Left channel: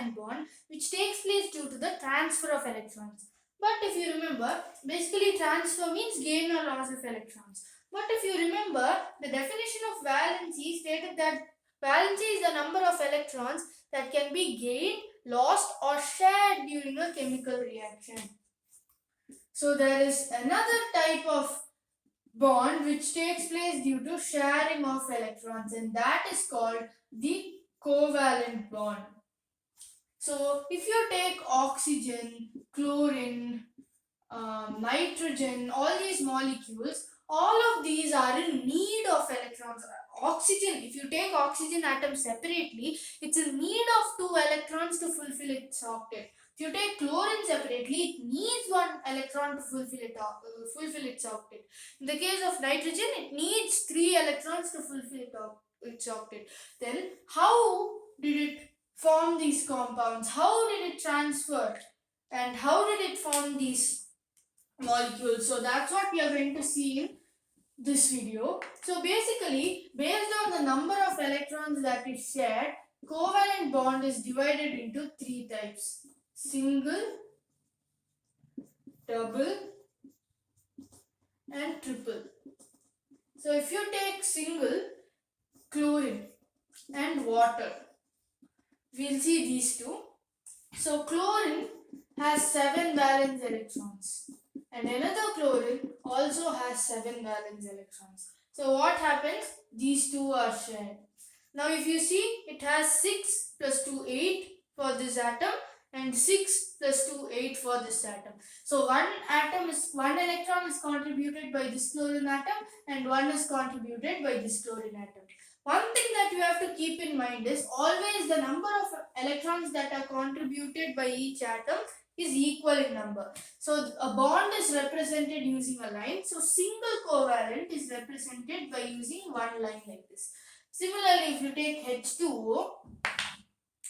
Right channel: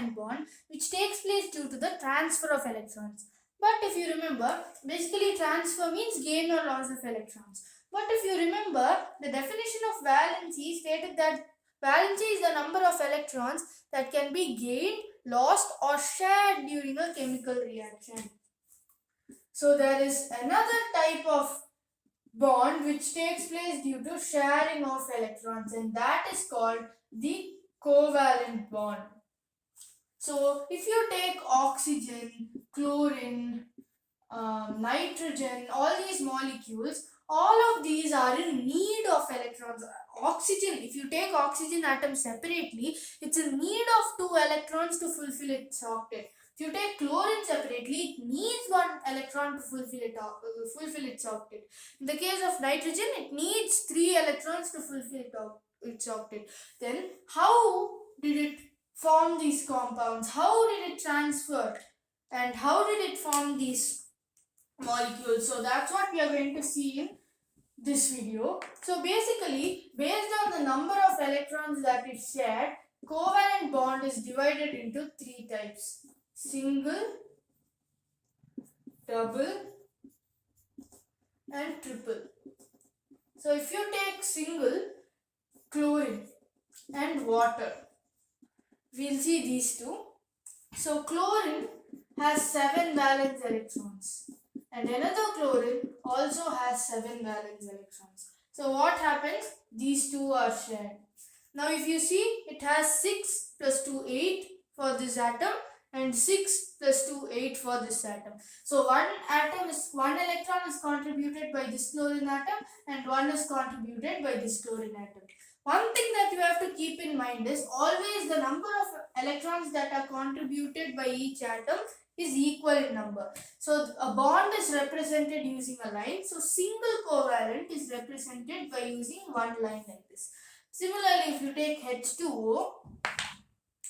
covalent bond which takes place due to the transfer of electrons. But if you remember, basically transfer means gain or loss of electrons. But if you remember, the definition of valency stated that valency is the number of electrons that can be gained, lost or shared during a chemical reaction. So there is another type of bond which takes place due to sharing of electrons, and that is called the covalent bond. So if you take oxygen, chlorine, nitrogen, all these molecules, all of these are in need of electrons. Oxygen, if you take oxygen atom separately, it's in need of 2 electrons to fulfill its octet. If you take chlorine separately, it needs 1 electron to fulfill its octet. In the case of nitrogen, it needs 3 electrons to fulfill its octet. Then how did it form these compounds? How did it transfer? And how did it form these molecules? So that's what we are going to see in this video. So basically, based on the number of electrons that is shared, covalent bond is divided into 3 types: single, double and triple. So if you take single, chlorine and water, we'll see these two. So chlorine has 7 valence electrons and another chlorine also has 7 valence electrons. So what happens? These two are shared. Now if you see, it has 6 plus 2, 8 for this atom and 6 plus 2, 8 for this atom. So one electron is contributed by this chlorine atom and one is contributed by this chlorine atom. One thing that you have to keep in mind is always the number of electrons that are contributed by each atom is equal in number. So a bond is represented using a line. So single covalent is represented by using one line like this. Similarly, if you take H2O,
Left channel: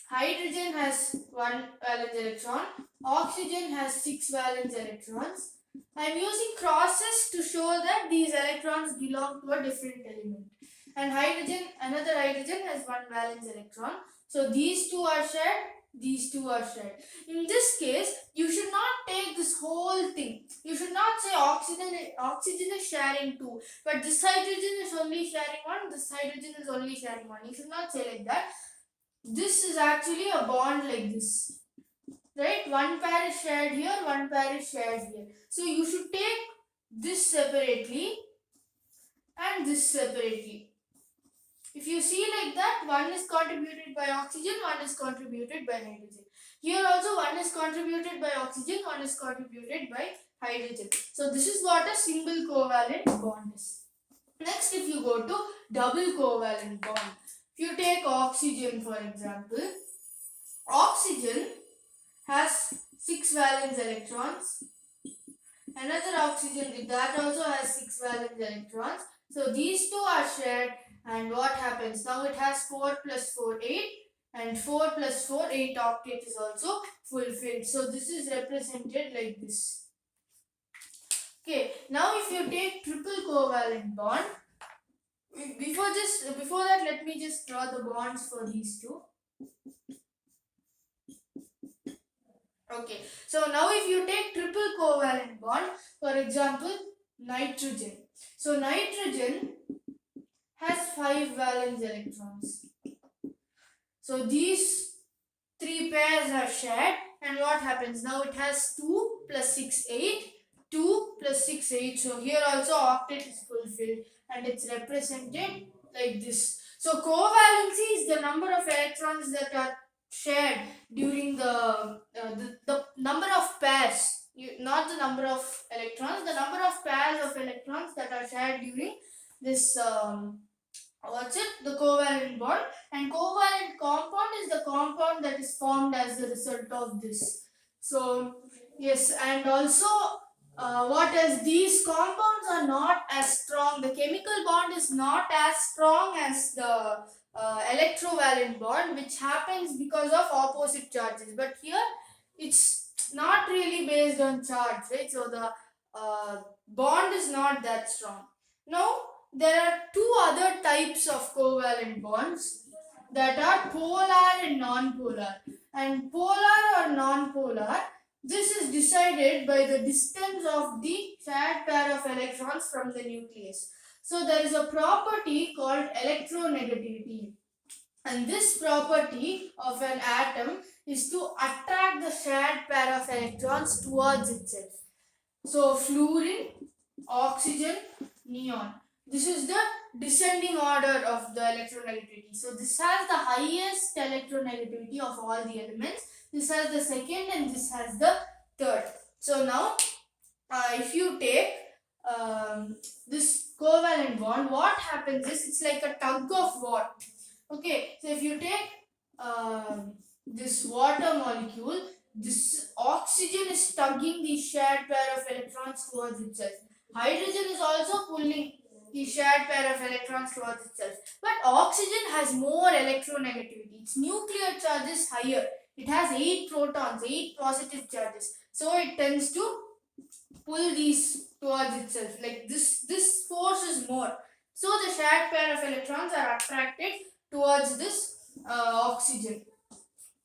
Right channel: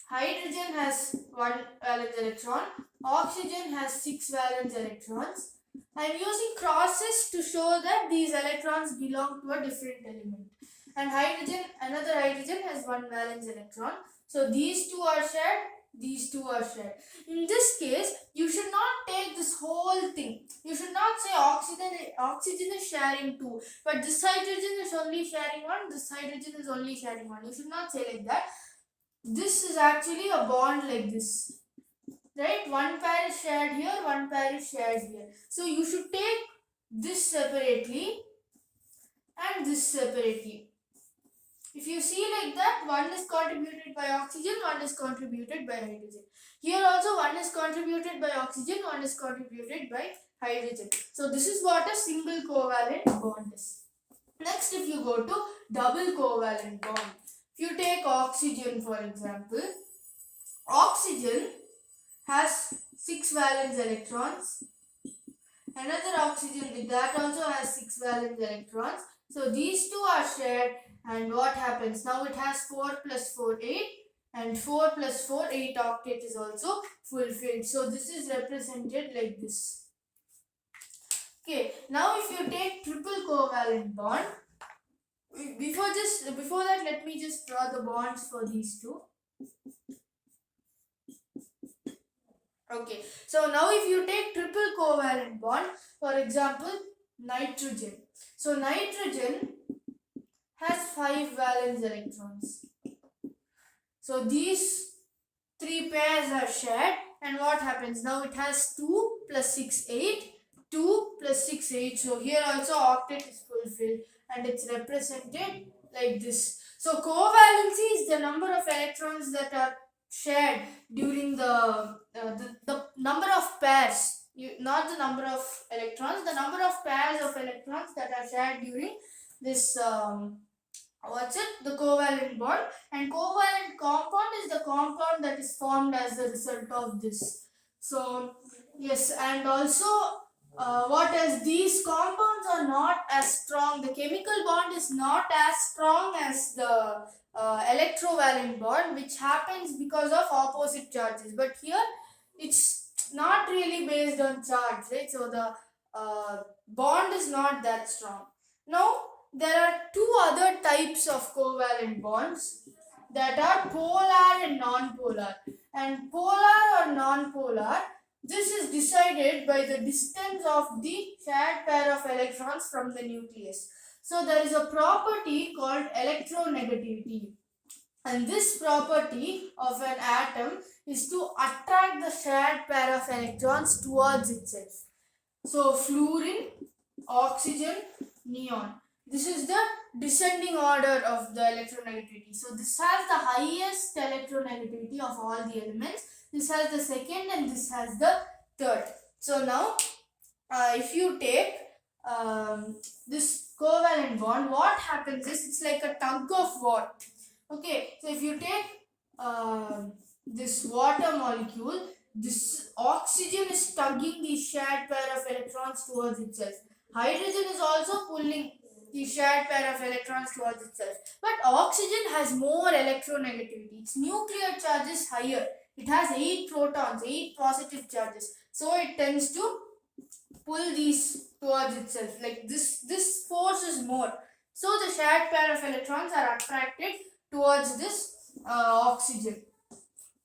hydrogen has 1 valence electron, oxygen has 6 valence electrons. I am using crosses to show that these electrons belong to a different element. And another hydrogen has 1 valence electron. So these two are shared, these two are shared. In this case, you should not take this whole thing. You should not say oxygen is sharing 2, but this hydrogen is only sharing 1, this hydrogen is only sharing 1. You should not say like that. This is actually a bond like this, right? One pair is shared here, one pair is shared here. So you should take this separately and this separately. If you see like that, one is contributed by oxygen, one is contributed by hydrogen. Here also one is contributed by oxygen, one is contributed by hydrogen. So this is what a single covalent bond is. Next, if you go to double covalent bond, if you take oxygen for example, oxygen has 6 valence electrons. Another oxygen with that also has 6 valence electrons. So these two are shared, and what happens? Now it has 4 plus 4, 8, and 4 plus 4, 8 octet is also fulfilled. So this is represented like this. Okay, now if you take triple covalent bond, before that let me just draw the bonds for these two. Okay, so now if you take triple covalent bond, for example, nitrogen. So nitrogen has 5 valence electrons. So these 3 pairs are shared, and what happens? Now it has 2 plus 6, 8, 2 plus 6, 8. So here also octet is fulfilled and it's represented like this. So covalency is the number of electrons that are shared during the number of pairs, not the number of electrons, the number of pairs of electrons that are shared during this the covalent bond. And covalent compound is the compound that is formed as a result of this. So yes, and also these compounds are not as strong. The chemical bond is not as strong as the electrovalent bond, which happens because of opposite charges. But here it's not really based on charge, right? So the bond is not that strong. Now there are 2 other types of covalent bonds that are polar and non-polar. And polar or non-polar, this is decided by the distance of the shared pair of electrons from the nucleus. So there is a property called electronegativity, and this property of an atom is to attract the shared pair of electrons towards itself. So fluorine, oxygen, neon. This is the descending order of the electronegativity. So this has the highest electronegativity of all the elements. This has the second and this has the third. So now if you take this covalent bond, what happens is it's like a tug of war. Okay, so if you take this water molecule, this oxygen is tugging the shared pair of electrons towards itself. Hydrogen is also pulling the shared pair of electrons towards itself. But oxygen has more electronegativity. Its nuclear charge is higher. It has 8 protons, 8 positive charges. So it tends to pull these towards itself. Like this force is more. So the shared pair of electrons are attracted towards this oxygen.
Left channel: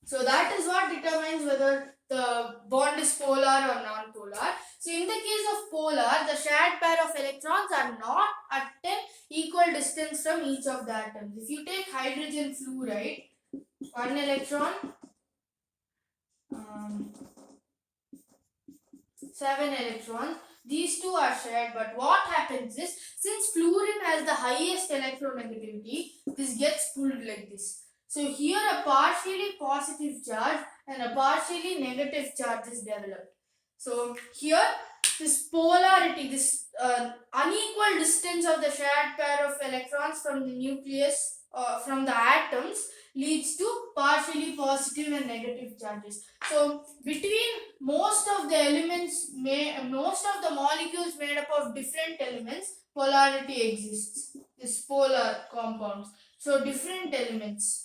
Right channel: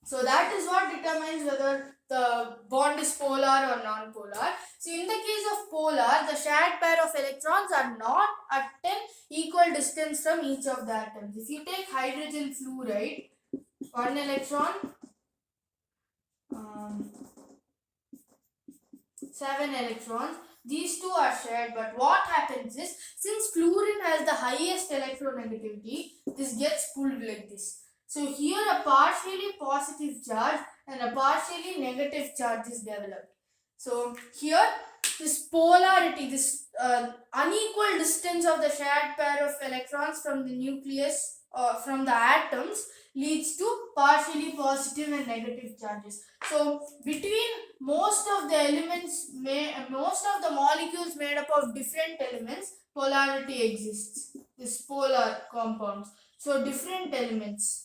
So that is what determines whether the bond is polar or non-polar. So in the case of polar, the shared pair of electrons are not at an equal distance from each of the atoms. If you take hydrogen fluoride, 1 electron, 7 electrons, these two are shared, but what happens is, since fluorine has the highest electronegativity, this gets pulled like this. So here a partially positive charge and a partially negative charge is developed. So here this polarity, this unequal distance of the shared pair of electrons from the nucleus from the atoms leads to partially positive and negative charges. So between most of the elements, most of the molecules made up of different elements, polarity exists. This polar compounds. So different elements.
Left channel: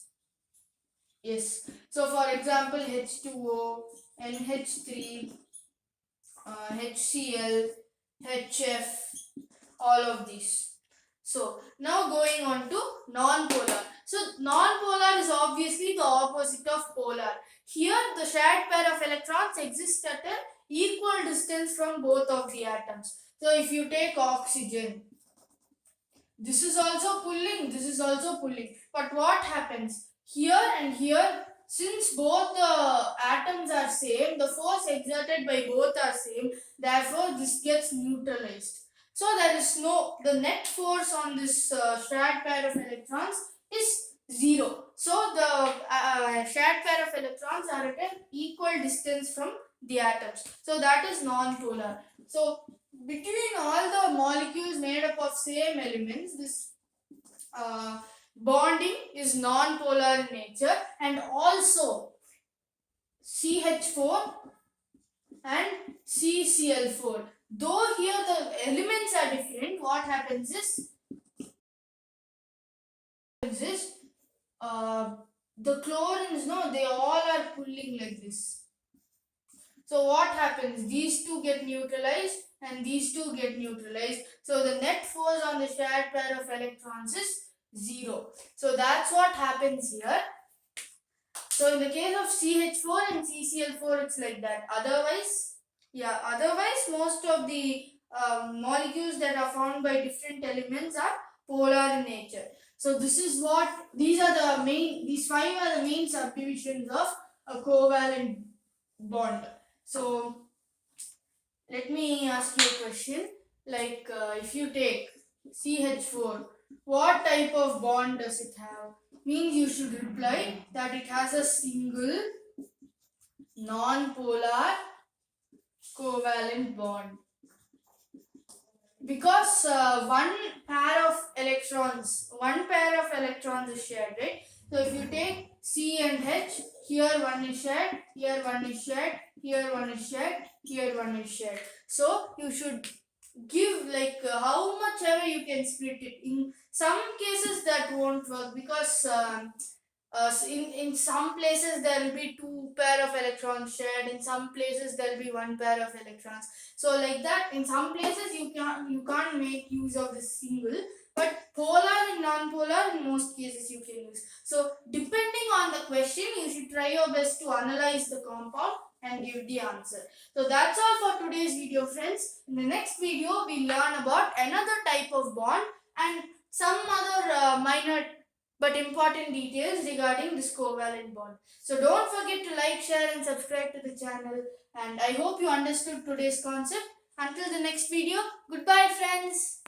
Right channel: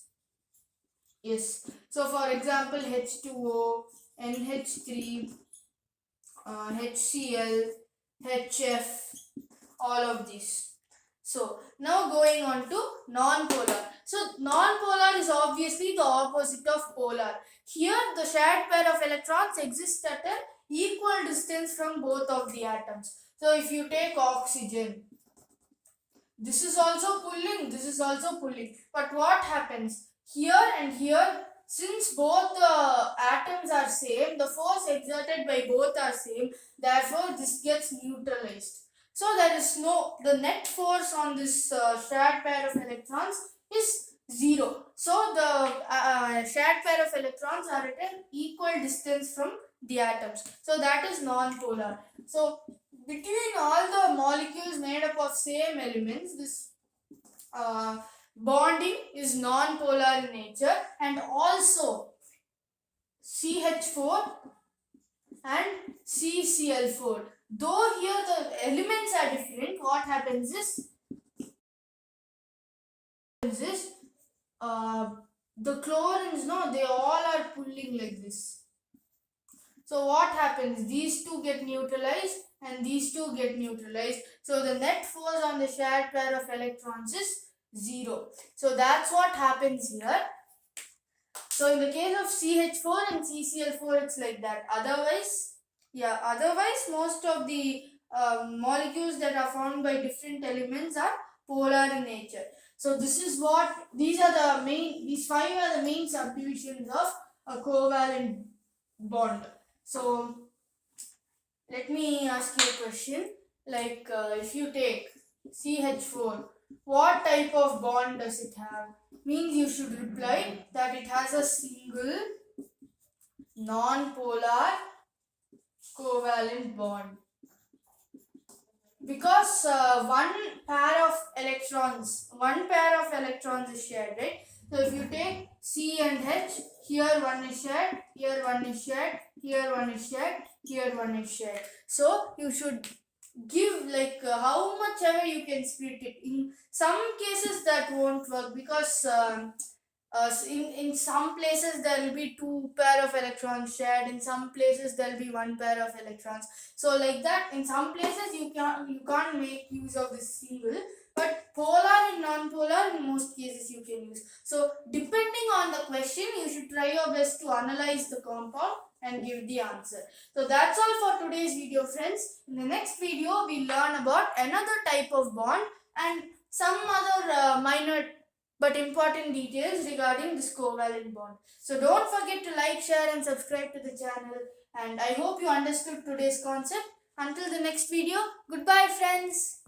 Yes. So for example, H2O, NH3, HCl, HF, all of these. So now going on to non-polar. So non-polar is obviously the opposite of polar. Here the shared pair of electrons exists at an equal distance from both of the atoms. So if you take oxygen, this is also pulling, this is also pulling. But what happens? Here and here, since both the atoms are same, the force exerted by both are same, therefore this gets neutralized. So there is the net force on this shared pair of electrons is 0. So the shared pair of electrons are at an equal distance from the atoms. So that is non-polar. So between all the molecules made up of same elements, this bonding is non-polar in nature, and also CH4 and CCl4. Though here the elements are different, what happens is the chlorines, they all are pulling like this. So what happens? These two get neutralized and these two get neutralized. So the net force on the shared pair of electrons is 0. So that's what happens here. So in the case of CH4 and CCl4, it's like that. Otherwise, most of the molecules that are formed by different elements are polar in nature. So these 5 are the main subdivisions of a covalent bond. So let me ask you a question. Like if you take CH4, what type of bond does it have? Means you should reply that it has a single non-polar covalent bond. Because one pair of electrons is shared, right? So if you take C and H, here one is shared, here one is shared, here one is shared, here one is shared. So you should give like how much ever you can split it. In some cases that won't work because in some places there will be 2 pair of electrons shared, in some places there will be 1 pair of electrons. So like that, in some places you can't make use of this single, but polar and non-polar in most cases you can use. So depending on the question, you should try your best to analyze the compound and give the answer. So that's all for today's video, friends. In the next video, we learn about another type of bond and some other minor but important details regarding this covalent bond. So don't forget to like, share and subscribe to the channel. And I hope you understood today's concept. Until the next video, goodbye friends.